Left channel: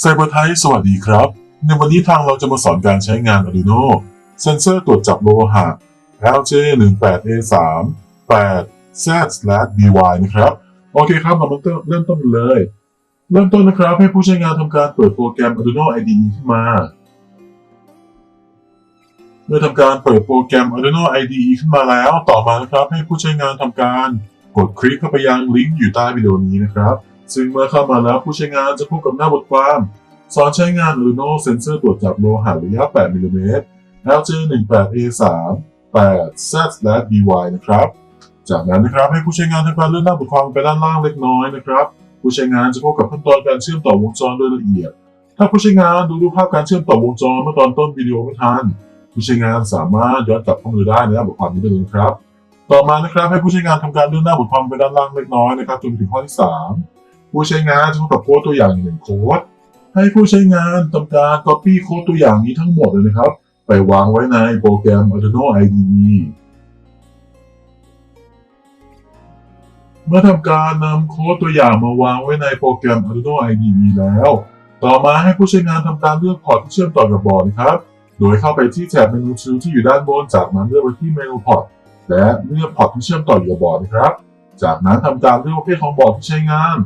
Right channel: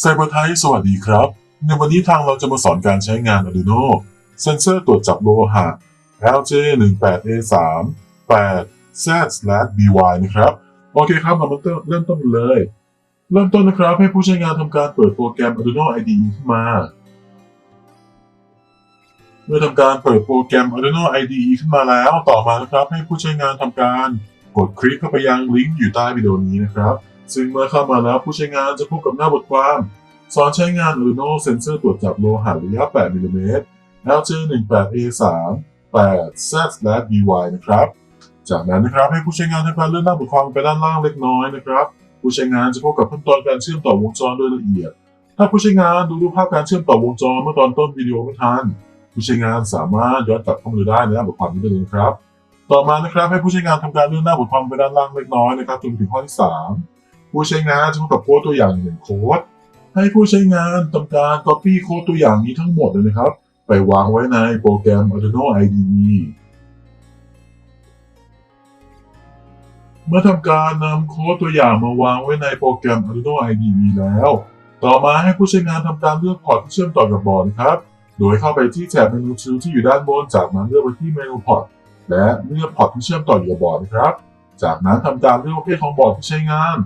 ไซเบอร์ไทยสวัสดีครับ ในวันนี้ทางเราจะมาสอนการใช้งาน Arduino เซนเซอร์ตรวจจับโลหะ LJ18A3 8 Z/BY นะครับ โอเคครับ เรามาเริ่มต้นกันเลย เริ่มต้นนะครับ ให้ผู้ใช้งานทำการเปิดโปรแกรม Arduino IDE ขึ้นมา เมื่อทำการเปิดโปรแกรม Arduino IDE ขึ้นมาแล้ว ต่อมานะครับ ให้ผู้ใช้งานทำการกดคลิกเข้าไปยังลิงก์อยู่ใต้วิดีโอนี้นะครับ ซึ่งเมื่อเข้ามาแล้วผู้ใช้งานจะพบกับหน้าบทความสอนใช้งาน Arduino เซนเซอร์ตรวจจับโลหะระยะ 8มิลลิเมตร LJ18A3 8 Z/BY นะครับ จากนั้นนะครับให้ผู้ใช้งานทำการเลื่อนหน้าบทความไปด้านล่างเล็กน้อยนะครับ ผู้ใช้งานจะพบกับขั้นตอนการเชื่อมต่อวงจรโดยละเอียด ถ้าผู้ใช้งานดูรูปภาพการเชื่อมต่อวงจรเมื่อตอนต้นวิดีโอไม่ทันผู้ใช้งานสามารถย้อนกลับเข้ามาดูได้นหน้าบบทความนี้ได้เลยนะครับ ต่อมานะครับให้ผู้ใช้งานทำการเลื่อนหน้าบทความไปด้านล่างเล็กน้อยนะครับจนถึงข้อที่สาม ผู้ใช้งานจะพบกับโค้ดตัวอย่างหนึ่งโค้ดให้ผู้ใช้งานทำการ copy โค้ดตัวอย่างนี้ทั้งหมดเลยนะครับ ไปวางไว้ในโปรแกรม Arduino IDE เมื่อทำการนำโค้ดตัวอย่างมาวางไว้ในโปรแกรม Arduino IDE แล้ว ต่อมาให้ผู้ใช้งานทำการเลือกพอร์ตที่เชื่อมต่อกับบอร์ดนะครับ โดยเข้าไปที่แถบเมนูชื่อที่อยู่ด้านบน จากนั้นเลือกไปที่เมนูพอร์ตและเลือกพอร์ตที่เชื่อมต่ออยู่กับบอร์ดนะครับ จากนั้นทำการเลือกประเภทของบอร์ดที่ใช้งาน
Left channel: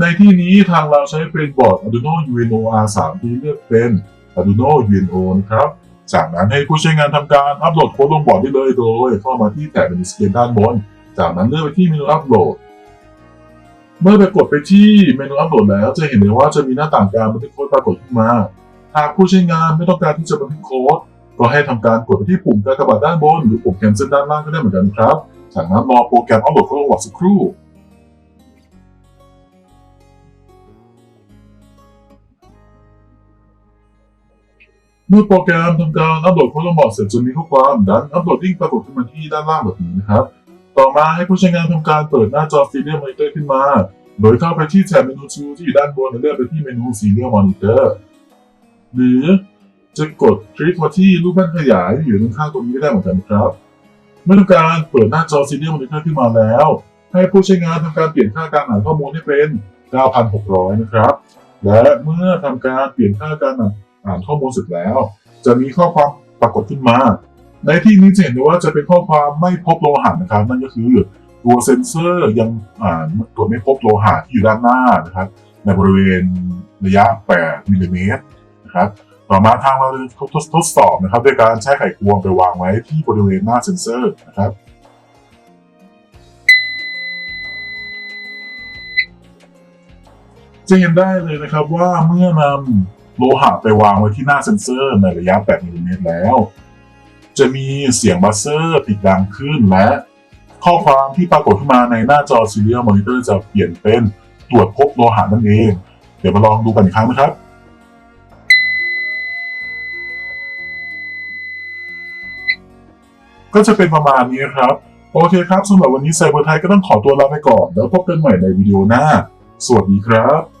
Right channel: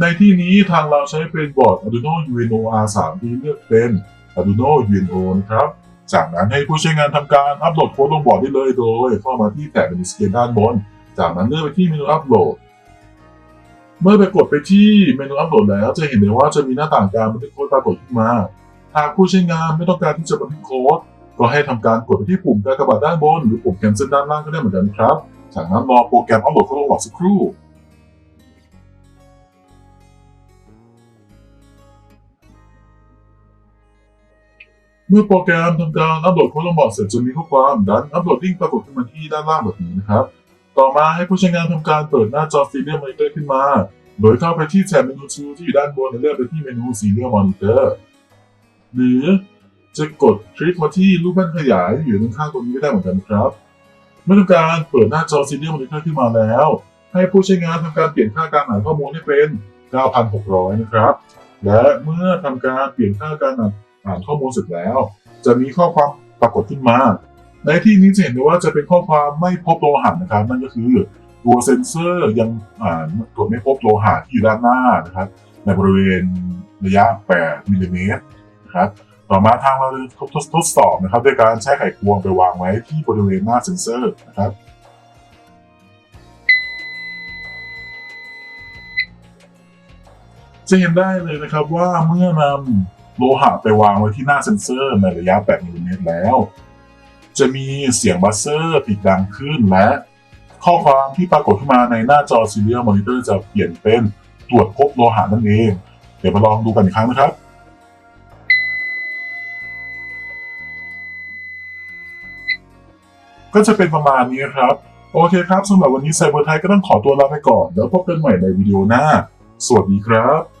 ในที่นี้ทางเราใช้เป็นบอร์ด Arduino UNO R3 ที่เลือกเป็น Arduino UNO นะครับ จากนั้นให้ผู้ใช้งานทำการอัปโหลดโค้ดลงบอร์ดได้เลยโดยเข้ามาที่แถบเมนูสเกลด้านบน จากนั้นเลือกไปที่เมนูอัปโหลด เมื่อไปกดไปที่เมนูอัปโหลดแล้ว จะเห็นเลยว่าจะมีหน้าต่างการบันทึกโค้ดปรากฏขึ้นมา หากผู้ใช้งานไม่ต้องการที่จะบันทึกโค้ดก็ให้ทำการกดไปที่ปุ่มกากบาทด้านบนหรือปุ่ม cancel ด้านล่างก็ได้เหมือนกันครับจากนั้นรอโปรแกรมอัปโหลดเข้าลงหลอดสักครู่ เมื่อโปรแกรมทำการอัปโหลดโค้ดลงบอดเสร็จจะมีข้อความดันอัปโหลดลิงก์ปรากฏขึ้นมาที่ด้านล่างแบบนี้นะครับ ต่อมาให้ผู้ใช้งานทำการเปิดหน้าจอ Serial Monitor ขึ้นมา โดยเข้าไปที่แถบเมนูชูที่อยู่ด้านบนแล้วเลือกไปที่เมนู Serial Monitor หรือจะกดคลิกมาที่รูปแป้นขยายอยู่ด้านข้างตรงนี้ก็ได้เหมือนกันนะครับเมื่อทำการเปิดหน้าจอ Serial Monitor ขึ้นมาแล้ว ให้ผู้ใช้งานทำการเปลี่ยนค่าการอ่าข้อมูลให้เป็น 9,600 นะครับ และเมื่อทำการเปลี่ยนค่าการ อ่านข้อมูลเสร็จแล้ว จะมีข้อความปรากฏขึ้นมา ในที่นี้จะเห็นได้ว่าจะเป็นข้อความไม่พบโลหะนะครับนั่นก็คือตัวเซ็นเซอร์ยังอ่านตรวจไม่พบโลหะที่อยู่ด้านหน้านะครับในบริเวณระยะ 8มิลลิเมตรนะครับต่อมาทางเราทดทดสอบนะครับด้วยการใช้ไขควงไปวางไว้ที่บริเวณหน้าเซ็นเซอร์นะครับจะเห็นได้เลยนะครับว่าเมื่อนำ โลหะไปวางไว้ที่หน้าเซ็นเซอร์ในระยะ8มิลลิเมตรแล้ว จะมีเสียงบัสเซอร์ติดดังขึ้นและข้อความที่ปรากฏขึ้นมาในหน้าจอ Serial Monitor จะเปลี่ยนเป็นตรวจพบโลหะนั่นเอง เดี๋ยวมาลองดูกันอีกครั้งนะครับก็จะเป็นประมาณนี้ครับ โอเคครับสำหรับวันนี้ไซเบอร์ไทยก็ต้องขอตัวลาไปก่อน แล้วพบกันใหม่ในวิดีโอหน้า สวัสดีครับ